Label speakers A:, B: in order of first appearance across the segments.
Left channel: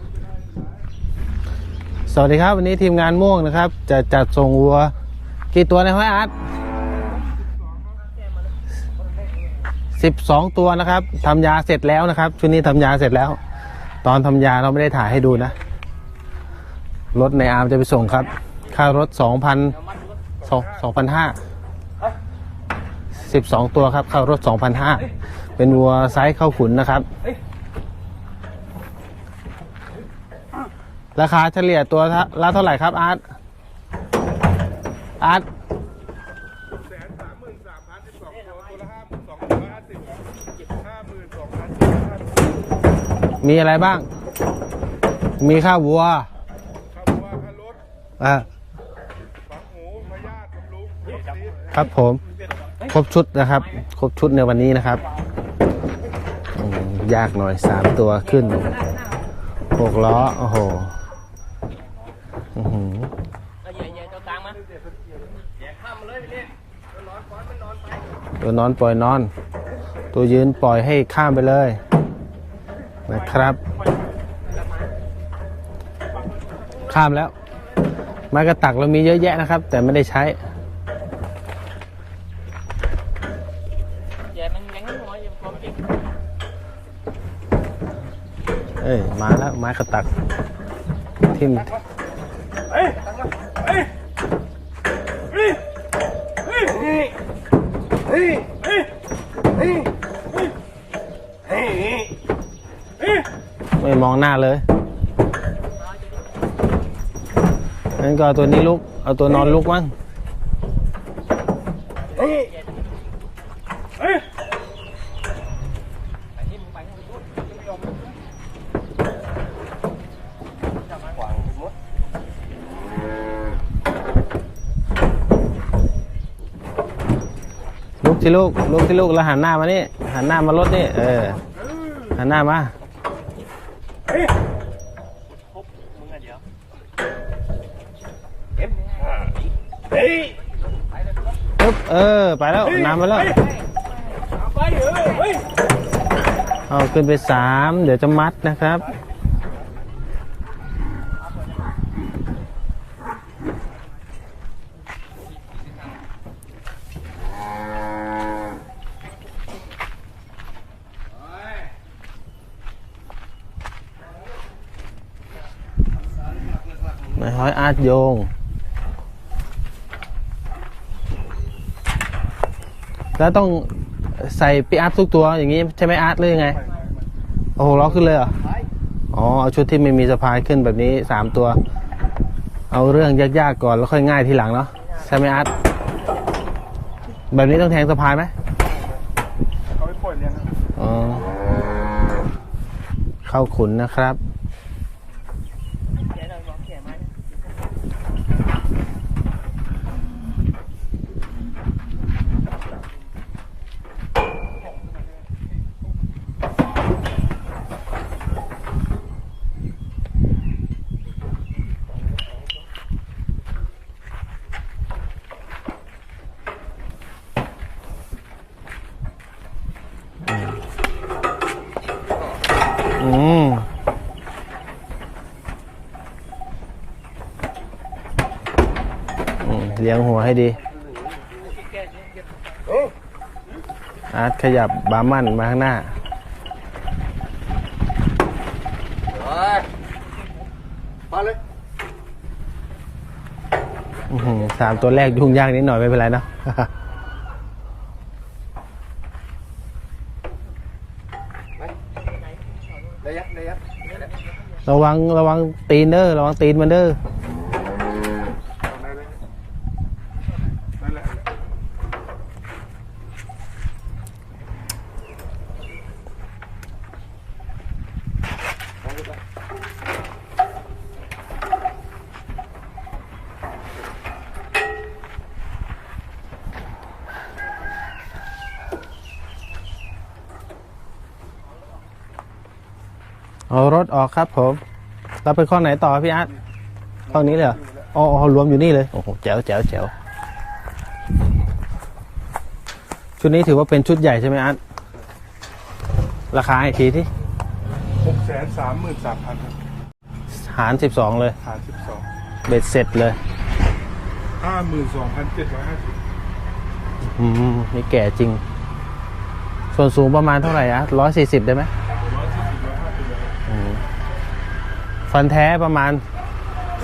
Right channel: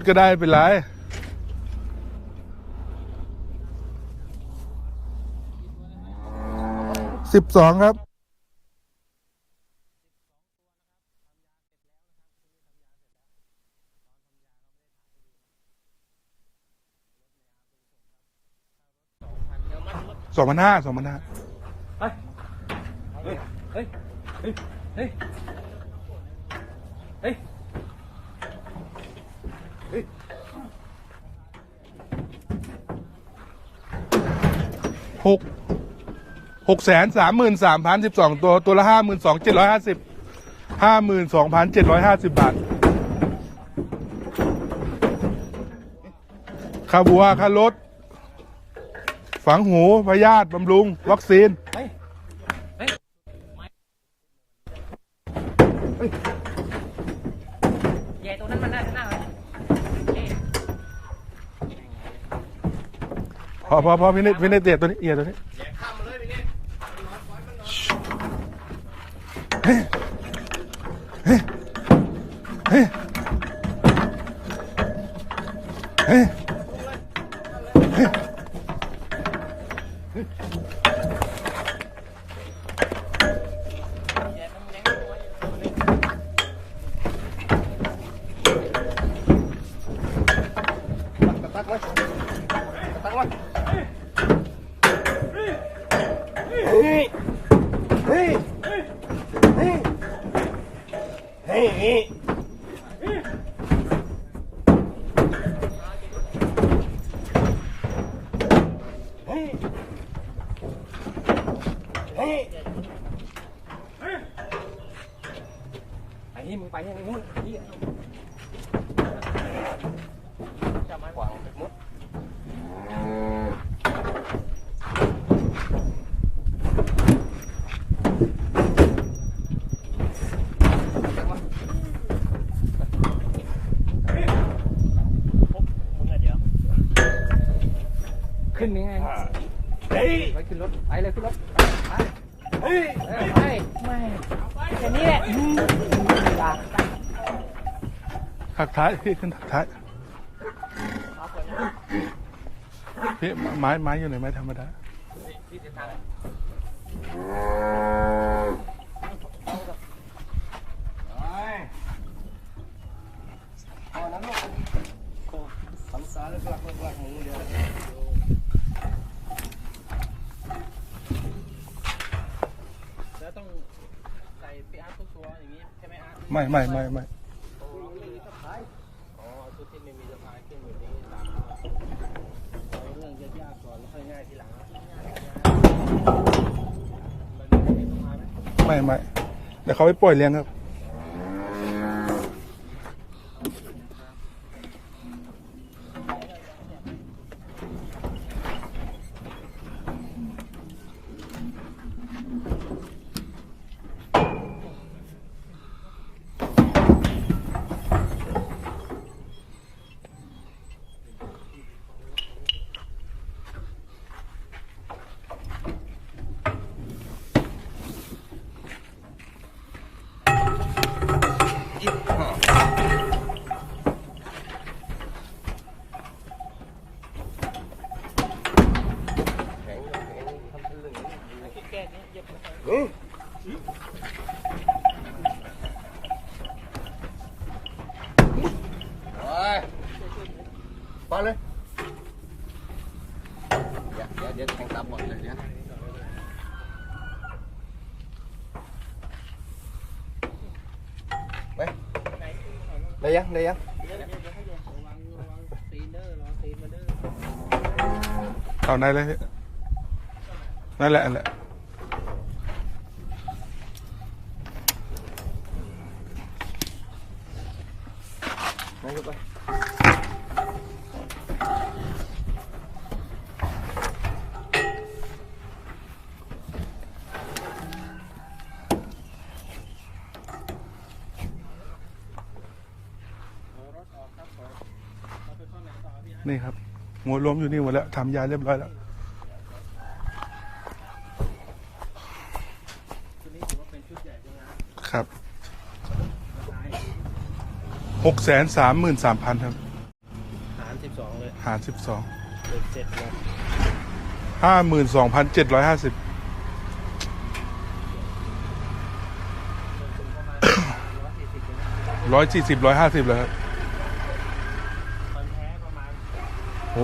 A: ดก็ได้เป็นไร
B: สวัสดีครับ วันนี้ทีมงานม่วงนะครับ จะจัดส่งวัว กี่ตัวในห้อยอาร์ต
A: สิบสองครับ
B: สิบสองตัวนะครับทำยาเสร็จแล้วนะครับชุดนี้ทำยาเสร็จแล้ว ตอนทำยาเราไม่ได้ถ่ายให้ดูนะรถในอาร์มจะไปส่งครับ ค่ารถสองพัน
A: สองพันห้า
B: สองพันห้าสิบสองตัวครับค่ารถสองพันห้าเป็นวัวไซส์เข้าขุนนะครับ ราคาเฉลี่ยตัวละเท่าไหร่ครับอาร์ตอาร์ต
A: หกแสนสามหมื่นสามพันสิบสองตัวตัวละห้าหมื่นสองเจ็ดร้อยห้าสิบห้าหมื่นสองพันเจ็ดร้อยห้าสิบบาท
B: มีอะไรบ้าง มีข้าววัว
A: ค่าบัวค่ารถ
B: อ่า
A: ฝังหูพยาธิบำรุง วัคซีน
B: ครับผม ครบชุดนะครับ ครบชุดในวันนี้นะครับอืมยากหน่อยสามตัวขึ้นหกล้อ โอ้โหอื้อหือ
A: พอพอพอพี่นิดพี่นิดเตียตัวนี้เอียตัวนี้
B: ตัวนอนปล่อยนอน ตัวยืนปล่อยให้ข้ามไปเลยนะครับ ข้ามแล้วไม้กระตักเรามีเยอะแยะนะครับ แต่ไม่ได้ใช้เอ้ยมาแล้วไม้กระตักทิ่ม ไม่มองหน้าเลยงั้นก็เอาตัวนี้ลุก เอาตัวนอนลุกมั้ง ที่ลูกลุกที่ลูกแล้วหันหน้ามานี่หันหน้ามารถนี่เออหันหน้ามาปึ๊บเออไปแล้วน้ำมาแล้วเอาขึ้นไปสามเดี๋ยวจะมัดนะครับ
A: ท้ายพี่ขึ้นท้ายพี่ไม้ไม้อยู่ไหนไม้ธรรมดา
B: นายห้อยอาร์ตโยง แล้วต้องใส่ปีอัพทุกตัวอย่างนี้ใช่ไหมอาร์ตหรือยังไง
A: ไม่ไม่ไม่
B: โอ้โหล้อขึ้นเลยเหรอ อ๋อ เอาชุดที่ไม่มีสะพายขึ้นแบบนี้สามตัว เอาเรื่องยากๆก่อนแล้วค่อยง่ายทีหลังเนาะใช่ไหมอาร์ตแบบนี้ต้องแทงสะพายไหม
A: ไม่ไม่เดี๋ยวเขาไปปล่อยเลี้ยงครับ
B: อ๋อเข้าขุนนะครับ อืมอืมเลี้ยงหัวให้ดี อาร์ตขยับบาร์มันมาข้างหน้า
A: มาเลย
B: อื้อหือสามตัวแรกยุ่งยากนิดหน่อยไม่เป็นไรเนอะ
A: ได้ยังได้ยัง
B: ระวังระวังตีนเด้อระวังตีนมันเด้อ
A: เอาไหนเลยพี่ นั่นแหละนั่นแหละ
B: เอารถออกครับผมเราไปข้อไหนต่อพี่อาร์ต
A: นี่ครับ
B: ข้อนี้เลยเหรอ
A: หมดแล้ว
B: อ๋ออ๋อรวมอยู่นี่เลย โอ้โหแจ๋วแจ๋วแจ๋ว ชุดนี้ถือว่าเป็นชุดใหญ่ใช่ไหมอาร์ต
A: ครับ
B: ราคาอีกทีที่
A: หกแสนสามหมื่นสามพันครับ
B: หาร 12 เลย
A: หารสิบสอง
B: เบ็ดเสร็จเลย
A: ห้าหมื่นสองพันเจ็ดร้อยห้าสิบ
B: อืมนี่แก่จริง ส่วนสูงประมาณเท่าไหร่อะร้อยสี่สิบได้ไหม
A: ร้อยสี่สิบร้อยห้าสิบเลยครับ
B: ฟันแท้ประมาณ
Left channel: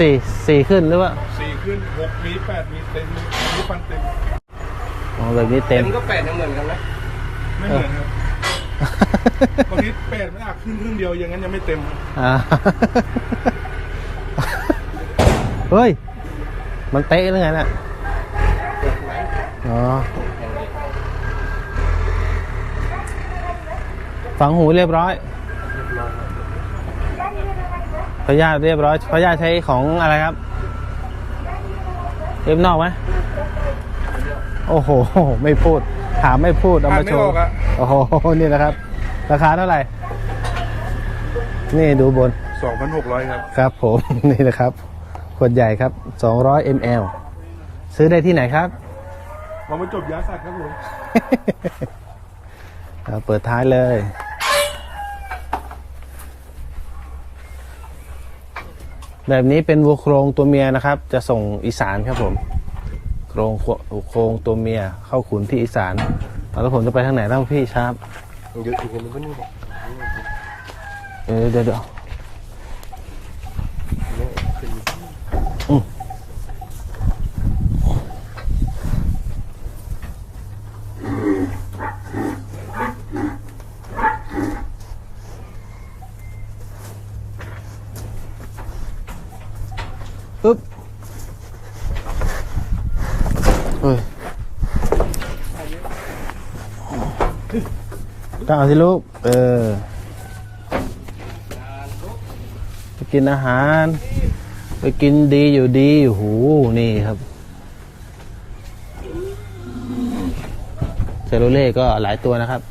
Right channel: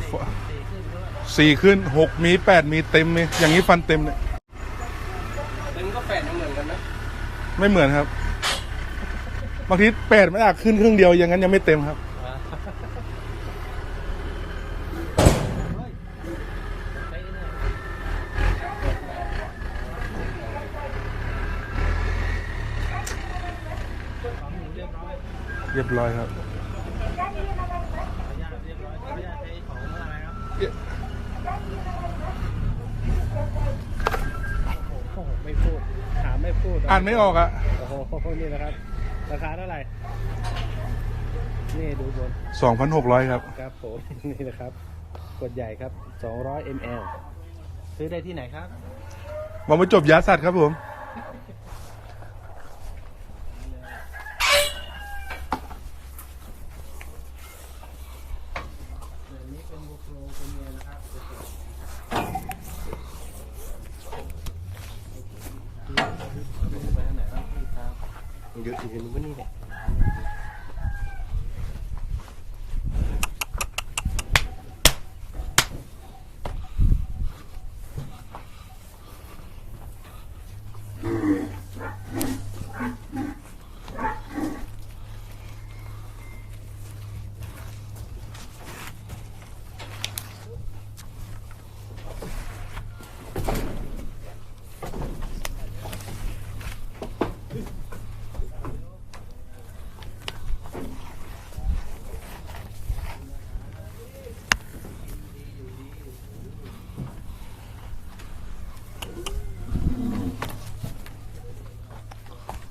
B: สี่สี่ขึ้นหรือว่า
A: สี่ขึ้นหกมีแปดมีเต็มเลยอย่างนี้ฟันเต็มเลย
B: อ๋อแบบนี้เต็ม
C: ก็แปดยังเหมือนกันนะ
A: ไม่เหมือนครับ บางทีแปดไม่อยากขึ้นครึ่งเดียวอย่างนั้นยังไม่เต็มครับ
B: อ่า เฮ้ย มันเตะหรือไงน่ะ อ๋อ ฝังหูเรียบร้อย
A: เรียบร้อยครับ
B: พยาธิเรียบร้อยพยาธิใช้ของอะไรครับเรียบนอกไหม โอ้โห ไม่พูด ถามไม่พูด เอา
A: อ่าน
B: มา
A: ไม่
B: โช
A: ออ
B: ว์
A: กอะ
B: โอ้โห นี่นะครับ ราคาเท่าไหร่ นี่ดูบน
A: สองพันหกร้อยครับ
B: ครับผม นี่นะครับ ขวดใหญ่ครับ 200 ml ซื้อได้ที่ไหนครับ
A: มามาจบยาสัตว์ครับผม
B: เอาเปิดท้ายเลยแบบนี้เป็นวัวโครงตัวเมียนะครับ จะส่งอีสานครับผม โครงโครงตัวเมียเข้าขุนที่อีสานเอาแล้วผมจะไปทางไหนเล่าพี่ชาร์ป
C: เยอะถึงกันนึงก็นี่แหละ
B: เออเดี๋ยวเดี๋ยวอืมปึ๊บเฮ้ ยก้าวสิลูก เออไปกินอาหาร ไปกินดีอยู่ดีโอ้โหนี่ครับเซโรเล่ก็หลายตัวนะครับ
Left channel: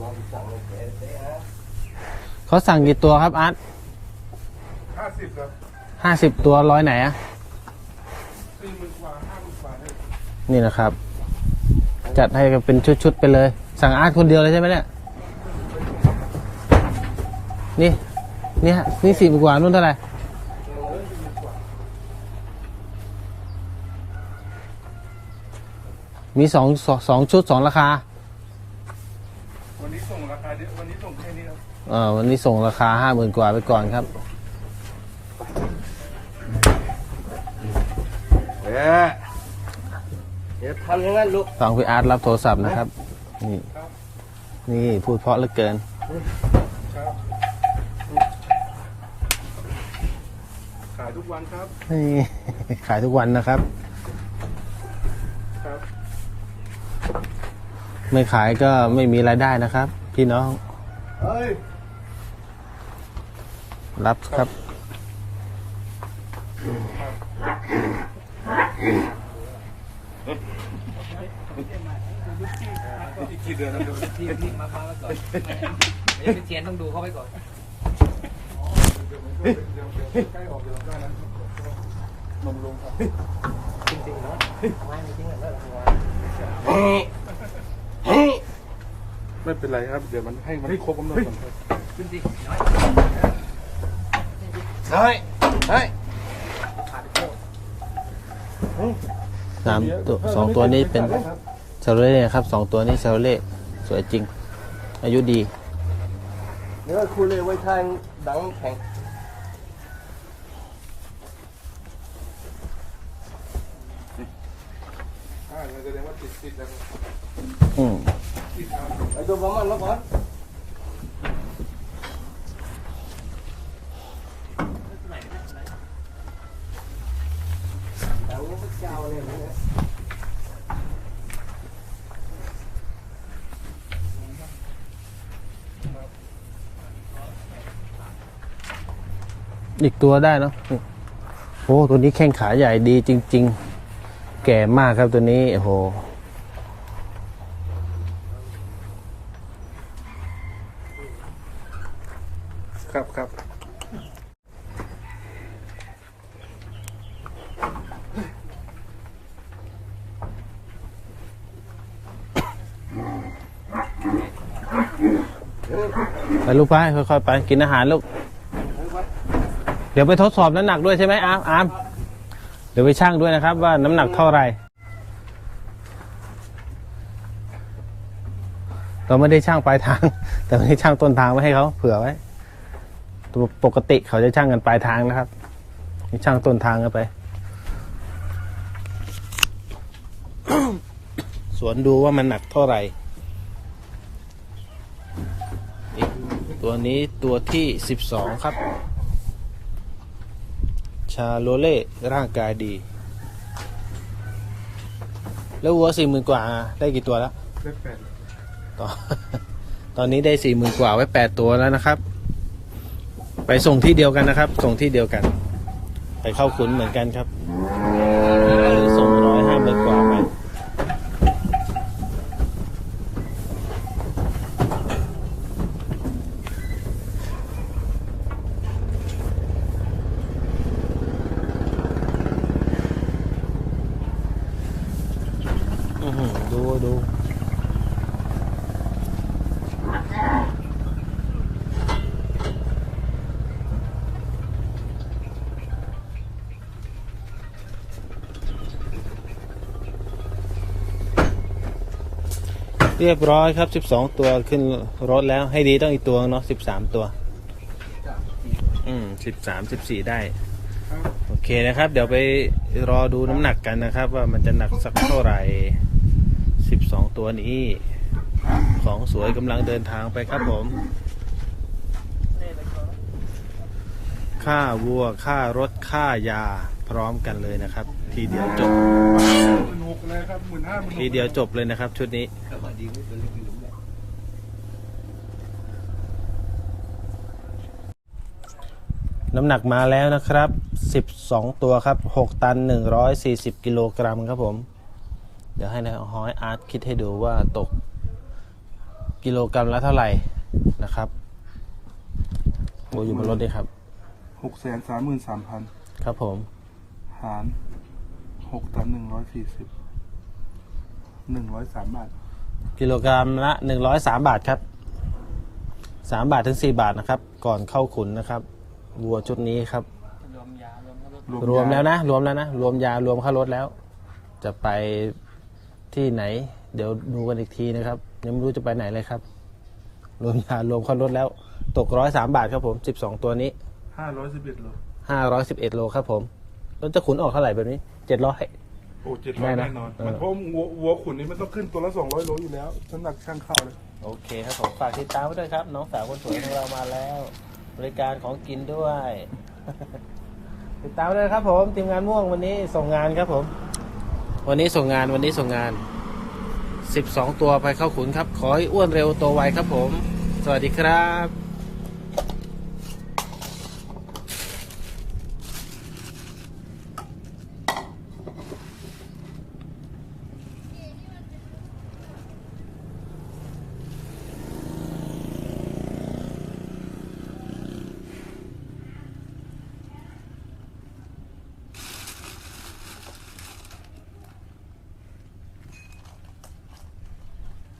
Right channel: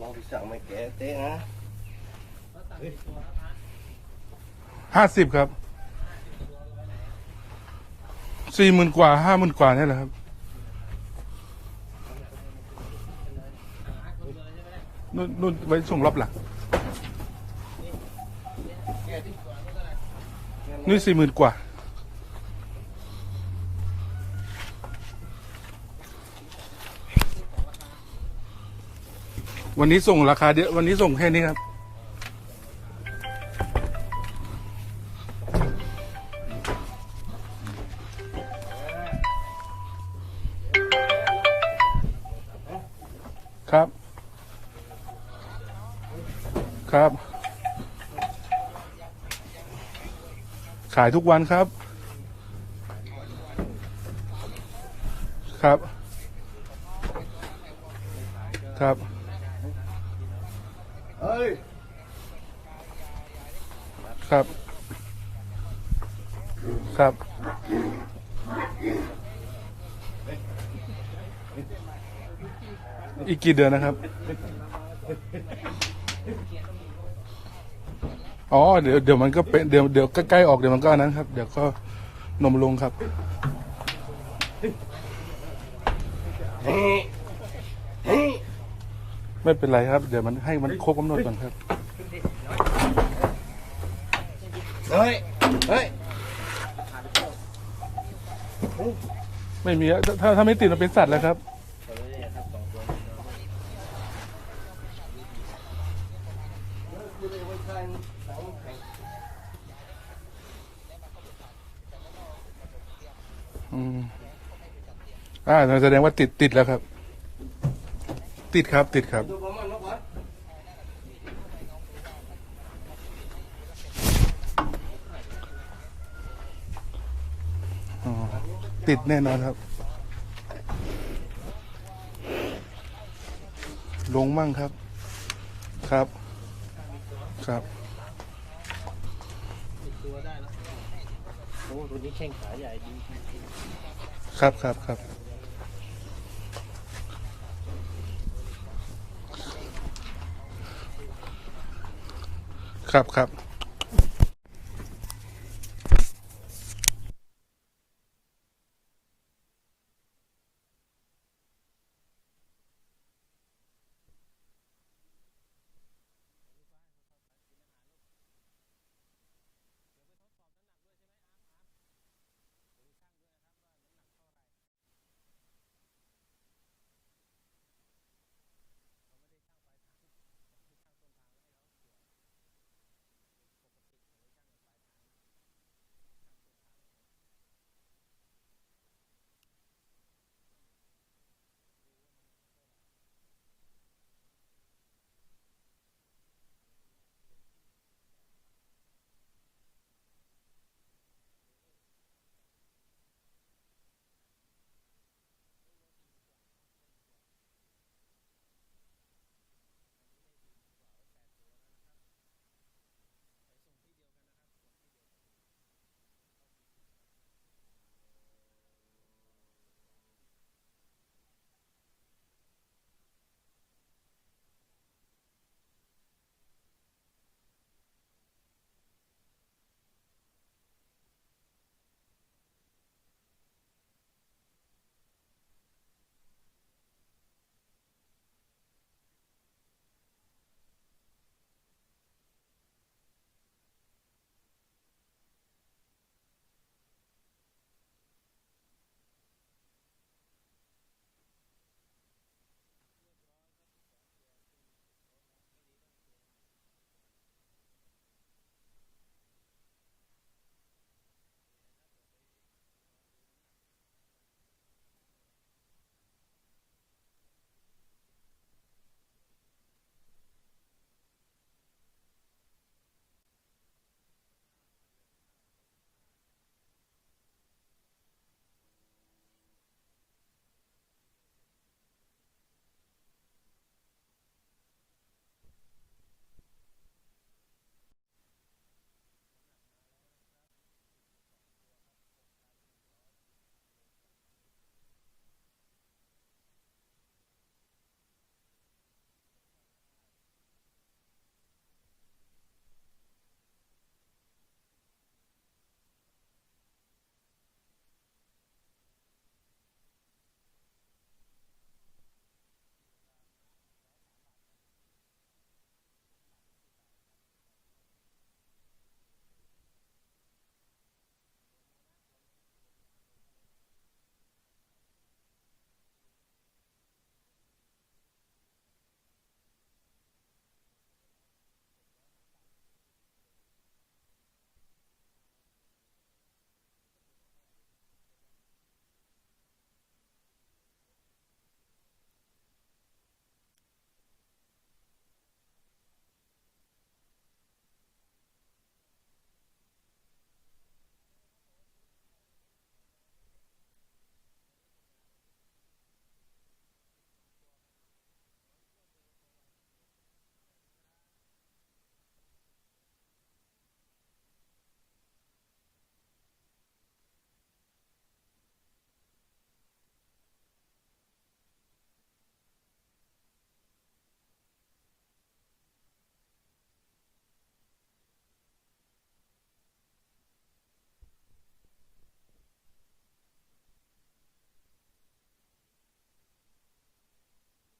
C: ลองไปสั่งมาแกะเต้ฮะ
B: เขาสั่งกี่ตัวครับอาร์ต
A: ห้าสิบครับ
B: ห้าสิบตัวร้อยไหนอะ
A: สี่หมื่นกว่าห้าหมื่นกว่านี่แหละครับ
B: นี่นะครับ จัดให้กันเป็นชุดๆไปเลย สั่งอาร์ตคนเดียวเลยใช่ไหมเนี่ย
A: นู่นนู่นไว้ส่งรอบหลัง
B: นี่นี่ฮะนี่สี่กว่านู่นเท่าไหร่
A: นี่สี่หมื่นกว่า
B: มีสองสองสองชุดสองราคา
A: วันนี้ส่งราคาเดียววันนี้ส่งแค่นี้ครับ
B: เออ วันนี้ส่งราคาห้าหมื่นกว่าไปก่อนครับ
C: เอ๊ะเดี๋ยวทำอย่างนั้นลูก
B: ฟังพี่อาร์ตรับโทรศัพท์นะครับ นี่
A: ครับ
B: นี่พูดเพราะเหลือเกิน
A: ครับ ขายทุกวันครับ
B: นี่ขายทุกวันนะครับ
A: ครับ
B: ไม่ขายก็
A: ครับ
B: ไม่มีรายได้นะครับ พี่น้อง
C: เฮ้ย
B: รับ
A: ครับ ครับอีกกี่เดือนนะครับ
C: เทียนต้องดูเข้าไปก่อน
A: อ๋อ เดี๋ยวเดี๋ยวมันก็เป็นเดี๋ยวเดี๋ยวใกล้ๆออกเดี๋ยวมันก็อันนั้นครับ เดี๋ยวก็นมลงครับ ไม่เป็นไรครับ เดี๋ยวมันให้มันครบกำหนดก่อนครับ
C: เฮ้ย เฮ้ย
B: สาม
A: ไม่มีอะ
B: ตัว
A: ถ้า
B: สอ
A: ถ้างไม่
B: ตัว
A: ติด
B: นี้
A: เป็น
B: เป็
A: จั
B: น
A: ดเลยครับ
B: ชาโรเล่ครับสองตัวนี้ชาโรเล่สวยจริง อายุดี
C: เดี๋ยวคุณเลยไว้ทางดังแข็ง
A: อ่าแสดงว่าติดติดแล้วครับ
B: อืม
A: ติดครับติดครับ
C: ตัวประมาณแล้วก่อน
A: ติดแน่นอนครับ ลงมั่งครับ ครับ ครับ
B: อีกตัวได้เนาะโอ้ตัวนี้แข้งขาใหญ่ดีจริง
A: ครั
B: ๆ
A: บ
B: แก่มากครับตัวนี้โอ้โห
A: ครับครับ
B: กไปค่อยๆไปกินอาหารลูก เดี๋ยวไปทดสอบน้ำหนักด้วยใช่ไหมอาร์มอาร์มเดี๋ยวไปชั่งด้วยนะครับ ว่าน้ำหนักเท่าไหร่เราไม่ได้ช่างปลายทาง แต่ไม่ได้ช่างต้นทางไว้ให้เขาเผื่อไว้ปกติเขาจะช่างกันปลายทางนะครับนี่ช่างต้นทางกันไป สวนดูว่ามันหนักเท่าไหร่ ตัวนี้ตัวที่ 12 ครับ ชาโลเล่ร่างกายดี แล้ววัวสี่หมื่นกว่าได้กี่ตัวแล้ว
A: ได้แปด
B: ตอนตอนนี้ได้สี่หมื่นกว่าไว้แปดตัวแล้วนะครับ ไปส่งที่เดียวกันนะครับ ส่งที่เดียวกัน ไปเข้าขุนเหมือนกันครับส่งร้อยห้าหมื่นกว่าไปอื้อหือดูดู เรียบร้อยครับ 12 ตัวขึ้นรถแล้วให้ดีต้องอีกตัวเนาะ13 ตัว อืม13 14 ได้ โอเคนะครับ เดี๋ยวไปรอดูน้ำหนักกันนะครับ ว่ามันจะหนักสักเท่าไหร่ 12 ตัวนี้ ของสวยกำลังเดินทางไปครับผมค่าวัวค่ารถค่ายาพร้อมกันเลยนะครับ ทีเดียวจบ
A: หมื่นหกเลยครับหมื่นห้าหมื่นหก
B: ทีเดียวจบเลยนะครับ ชุดนี้น้ำหนักมาแล้วนะครับ 12 ตัวครับ 6 ตัน 140 กิโลกรัมครับผม เดี๋ยวให้นายฮอยอาร์ตคิดให้ดูว่าตก กิโลกรัมละเท่าไหร่นะครับโอ้อยู่บนรถด้วยครับ
A: หกแสนสามหมื่นสามพัน
B: ครับผม
A: หาร หกตันหนึ่งร้อยสี่สิบหนึ่งร้อยสามบาท
B: กิโลกรัมละ103บาทครับ3บาทถึง4บาทนะครับ ก่อนเข้าขุนนะครับวัวชุดนี้ครับรวมแล้วนะ รวมแล้วนะ รวมยารวมค่ารถแล้ว จะไปที่ไหน เดี๋ยวดูกันอีกทีนะครับ ยังไม่รู้จะไปไหนเลยครับ รวมยารวมค่ารถแล้ว ตกร้อยสามบาทครับผม12ตัวนี้
A: ห้าร้อยสิบเอ็ดโล
B: 511โลครับผม รถจะขุนออกเท่าไหร่แบบนี้700
A: โอ้เจ็ดร้
B: ได้
A: อย
B: นะ
A: แน่นอน
B: เออ
A: มันเพราะวัววัวขุนนี่มันต้องขึ้นตัวละสองร้อยโลอยู่แล้วน้ำหนักช่างเข้าเลย
B: โอเคครับผมฝากติดตามไว้ด้วยครับ น้องสาวคนสวยของเรามาแล้ว บริการของกินด้วย ติดตามไว้ด้วยครับ ผมทีมงานม่วงวันนี้ส่งงานครับผม วันนี้ส่งงานวันนี้ส่งงาน 12 ตัวไปเข้าขุนครับ ขอให้อ้วนเร็วโตไวครับผม สวัสดีครับ